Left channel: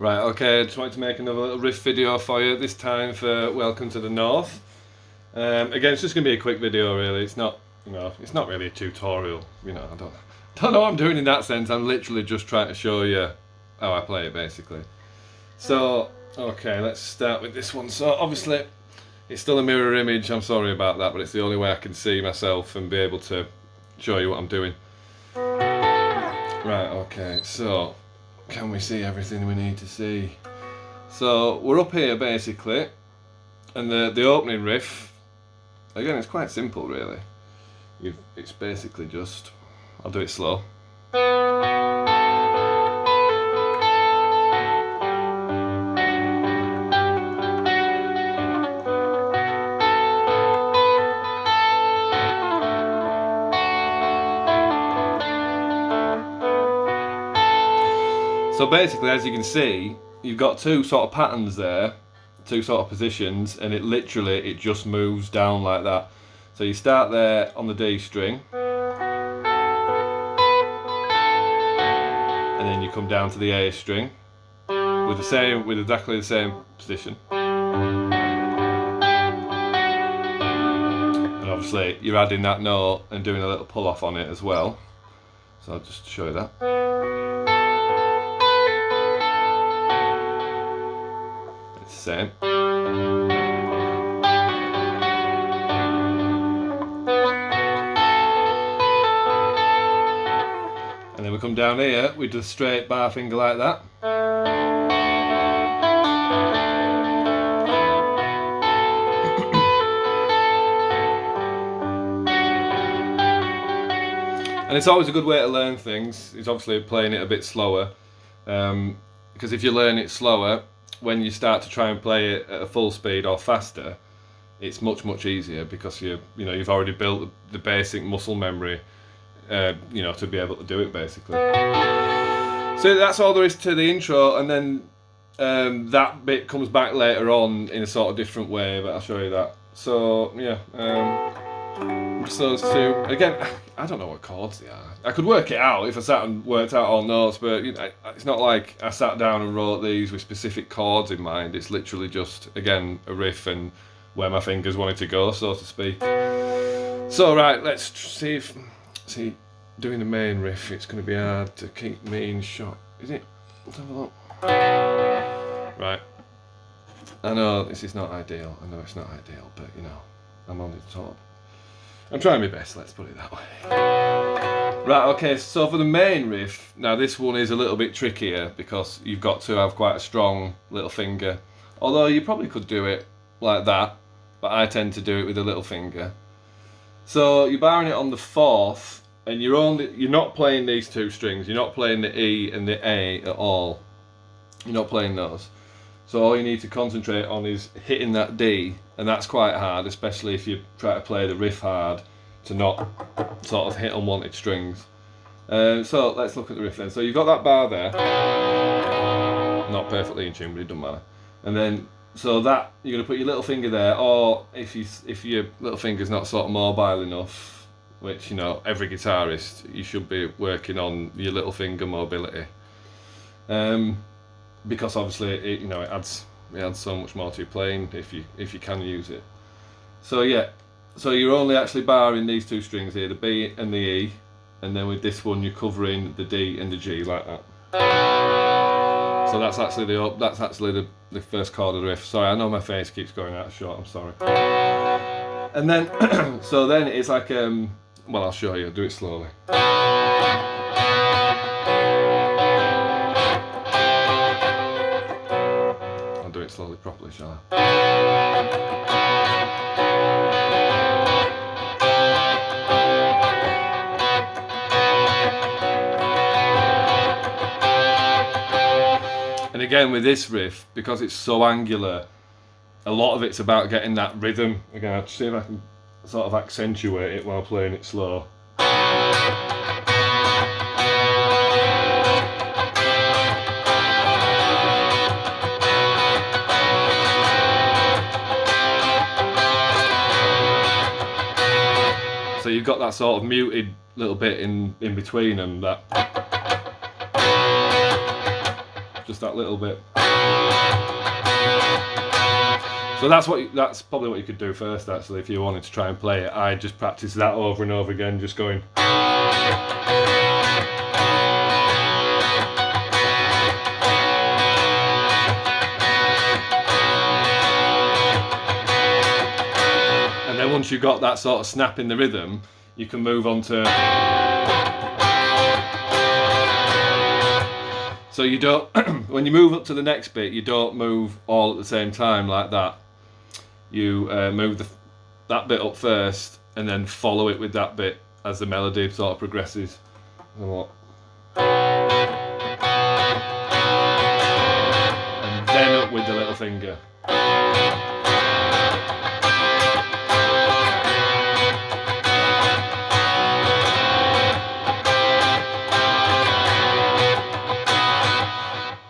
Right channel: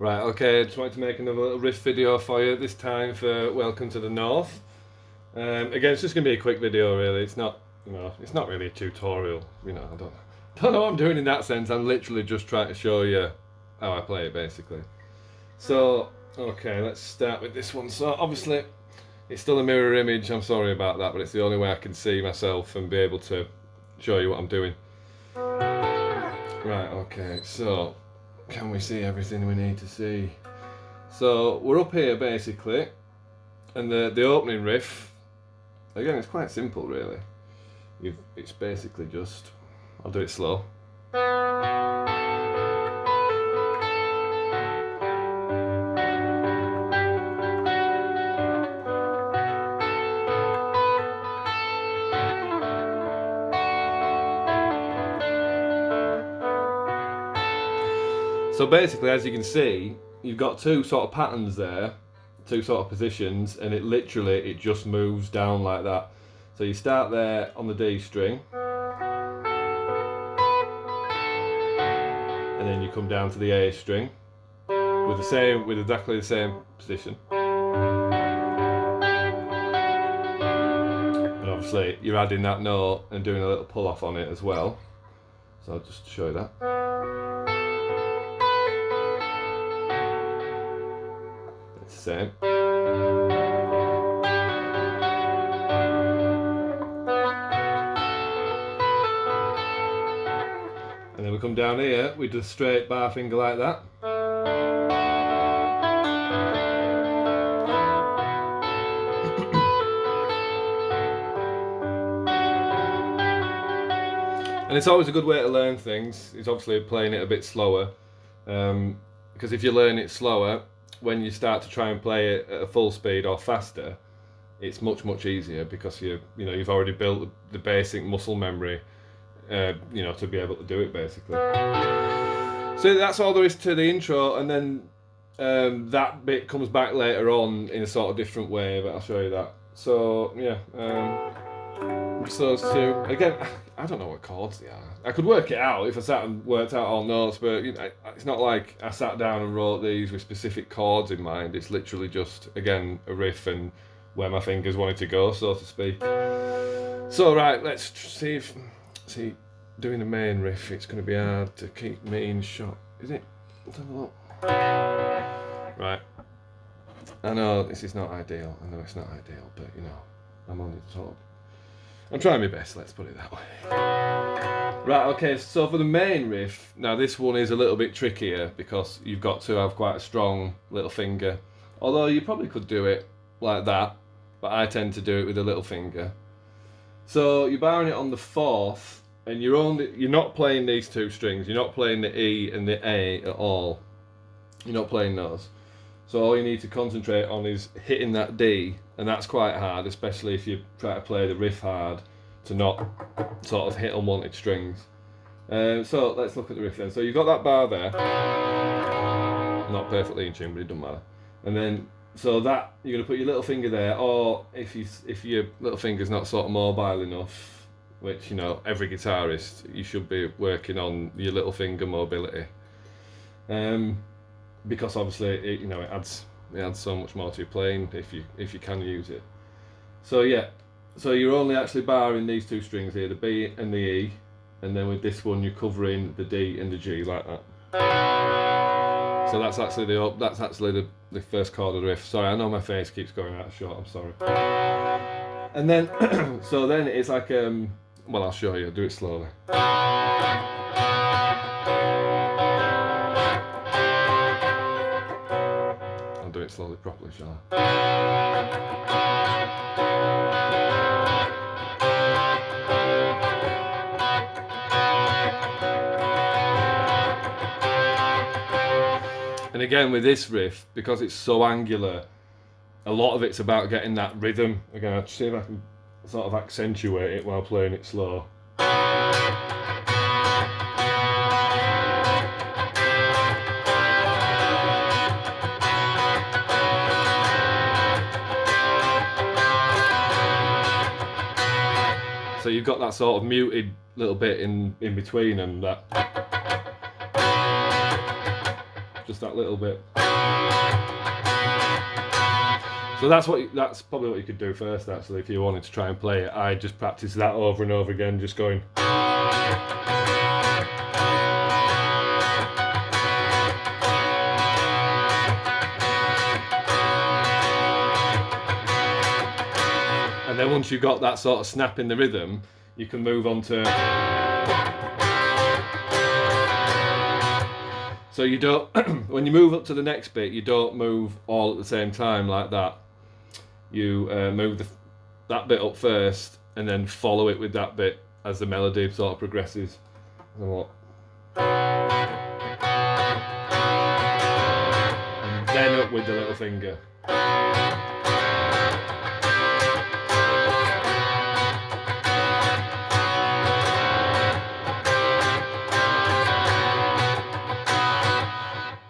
Right, okay, I just wanted to make another little riff video for you, this time for Welcome to the North. Again, it's just going to be a quick video really, it's not, it's not really a tutorial, I don't know what I'm doing in that sense, I'm literally just trying to show you how I play it basically. So, okay, let's start with this one. So obviously, it's still a mirror image, I'm sorry about that, but it's the only way I can see myself and be able to show you what I'm doing. Right, okay, so can we see everything we need to see? So we're up here basically, and the opening riff, again it's quite simple really. It's basically just, I'll do it slow. So basically, as you can see, you've got two sort of patterns there, two sort of positions, and it just moves down like that. So you start there on the D string, and then you come down to the A string with exactly the same position. And obviously you're adding that note and doing a little pull off on it as well. So I'll just show you that. It's the same. And then we come down here with the straight bar finger like that. And it's always a good way to learn things. It's obviously playing it a bit slower, because if you learn it slower, when you start to try and play it at a full speed or faster, it's much easier because you've already built the basic muscle memory, to be able to do it basically. So that's all there is to the intro, and then that bit comes back later on in a sort of different way, but I'll show you that. So yeah. Just those two. Again, I don't know what chords they are. I could work it out if I sat and worked out all notes, but it's not like I sat down and wrote these with specific chords in mind. It's literally just, again, a riff and where my fingers wanted to go, so to speak. So right, let's see doing the main riff, it's going to be hard to keep me in shot. Is it? Let's have a look. Right. I know this is not ideal. I know it's not ideal, but I'm on the top. I'm trying my best, let's put it that way. Right, okay, so for the main riff, now this one is a little bit trickier because you've got to have quite a strong little finger. Although you probably could do it like that, but I tend to do it with a little finger. So you're barring it on the fourth, and you're not playing these two strings. You're not playing the E and the A at all. You're not playing those. So all you need to concentrate on is hitting that D, and that's quite hard, especially if you try to play the riff hard, to not sort of hit unwanted strings. So let's look at the riff then. So you've got that bar there, not perfectly in tune, but it doesn't matter. And then, so that, you're going to put your little finger there, or if your little finger's not sort of mobile enough, which, every guitarist, you should be working on your little finger mobility. Because obviously it adds so much more to your playing if you can use it. So yeah, so you're only actually barring these two strings here, the B and the E, and then with this one you're covering the D and the G like that. So that's actually the first chord of the riff. Sorry, I know my face keeps going out of shot. I'm sorry. And then so then it's like well, I'll show you. I'll do it slowly. Do it slowly properly, shall I? And again with this riff, because it's so angular, a lot of it's about getting that rhythm. Again, I'll see if I can sort of accentuate it while playing it slow. So you've got that sort of muted little bit in between them, that just that little bit. So that's probably what you could do first, actually, if you wanted to try and play it. I just practice that over and over again, just going. And then once you've got that sort of snap in the rhythm, you can move on to. So you don't, when you move up to the next bit, you don't move all at the same time like that. You move that bit up first, and then follow it with that bit as the melody sort of progresses. And then up with the little finger.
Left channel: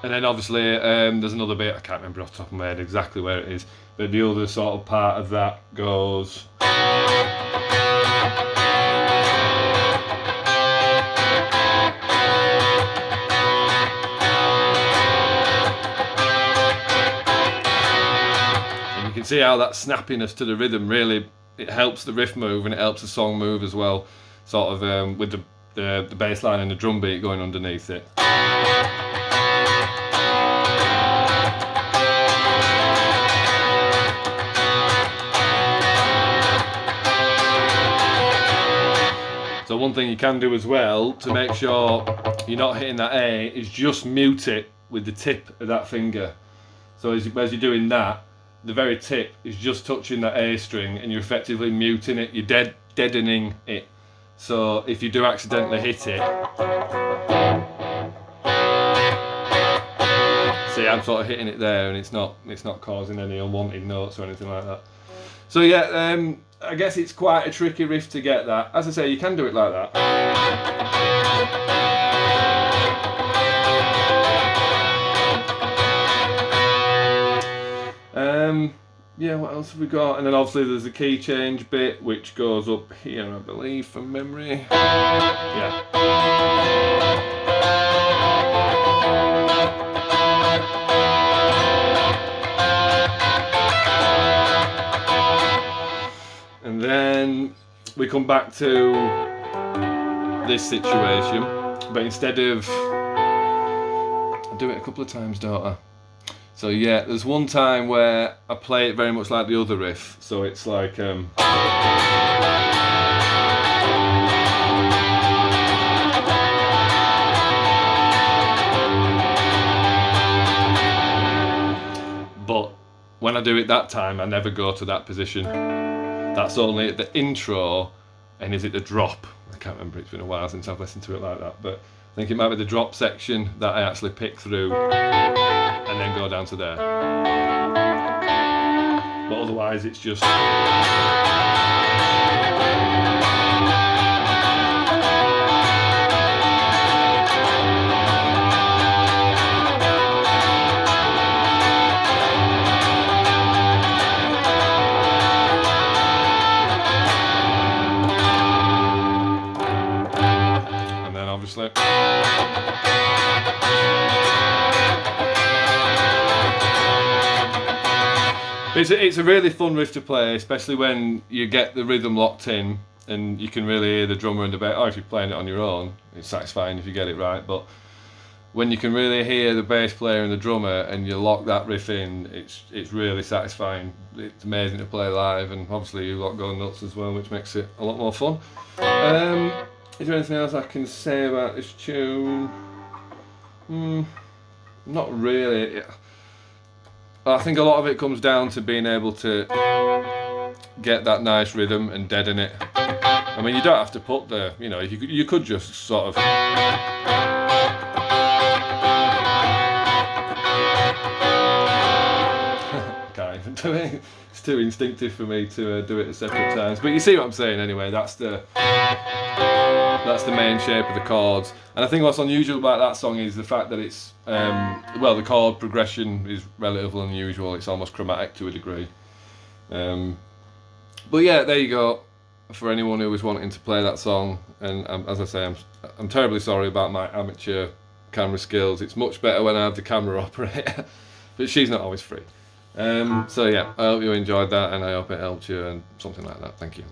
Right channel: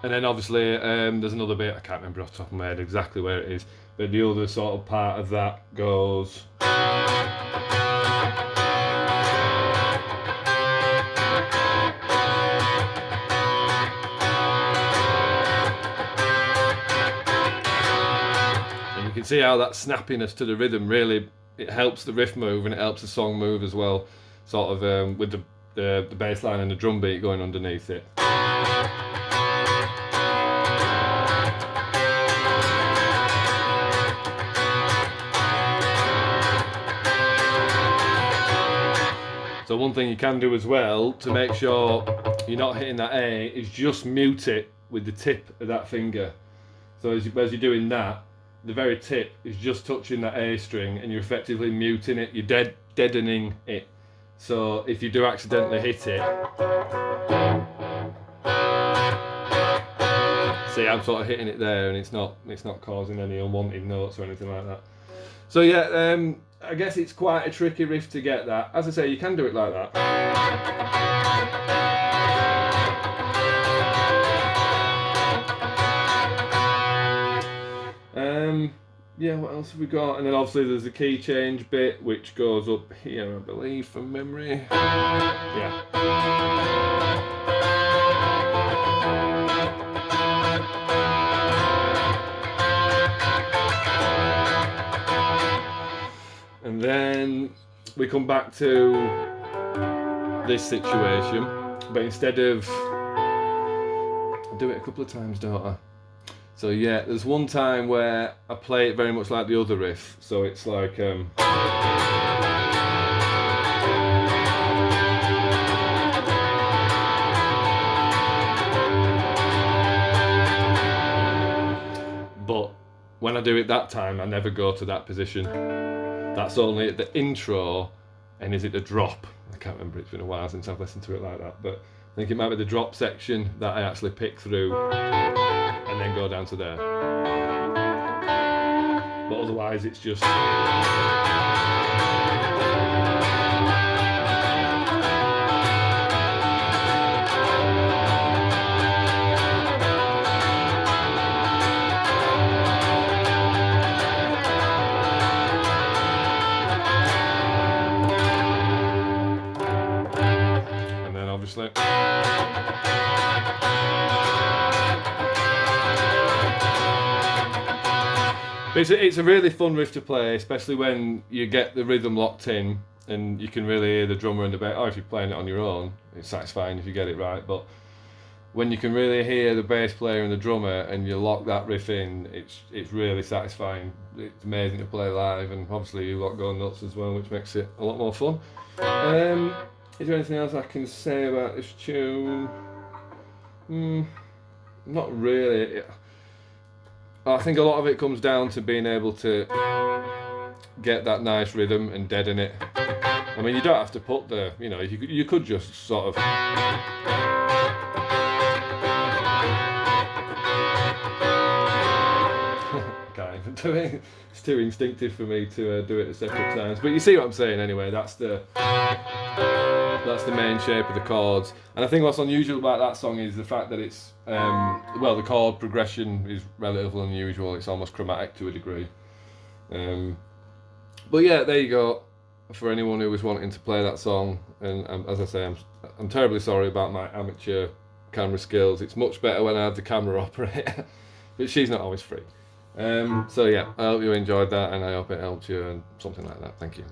And then obviously there's another bit, I can't remember off the top of my head exactly where it is, but the other sort of part of that goes. And you can see how that snappiness to the rhythm really, it helps the riff move and it helps the song move as well, sort of with the bass line and the drum beat going underneath it. So one thing you can do as well to make sure you're not hitting that A is just mute it with the tip of that finger. So as you're doing that, the very tip is just touching that A string and you're effectively muting it, you're deadening it. So if you do accidentally hit it, see, I'm sort of hitting it there and it's not causing any unwanted notes or anything like that. So yeah, I guess it's quite a tricky riff to get that. As I say, you can do it like that. Yeah, what else have we got? And then obviously there's a key change bit which goes up here, I believe, from memory. Yeah. And then we come back to this situation, but instead of, I do it a couple of times, don't I? So yeah, there's one time where I play it very much like the other riff, so it's like but when I do it that time, I never go to that position. That's only at the intro, and is it the drop? I can't remember, it's been a while since I've listened to it like that, but I think it might be the drop section that I actually pick through and then go down to there. But otherwise it's just... And then obviously... It's a really fun riff to play, especially when you get the rhythm locked in and you can really hear the drummer and the bass. Or if you're playing it on your own, it's satisfying if you get it right. But when you can really hear the bass player and the drummer and you lock that riff in, it's really satisfying. It's amazing to play live, and obviously you lot go nuts as well, which makes it a lot more fun. Is there anything else I can say about this tune? Not really. I think a lot of it comes down to being able to get that nice rhythm and deaden it. I mean, you don't have to put the, you know, you could just sort of... Can't even do it. It's too instinctive for me to do it at separate times. But you see what I'm saying anyway, that's the main shape of the chords. And I think what's unusual about that song is the fact that it's, well, the chord progression is relatively unusual. It's almost chromatic to a degree. But yeah, there you go. For anyone who was wanting to play that song, and as I say, I'm terribly sorry about my amateur camera skills. It's much better when I have the camera operator, but she's not always free. So yeah, I hope you enjoyed that, and I hope it helped you and something like that. Thank you.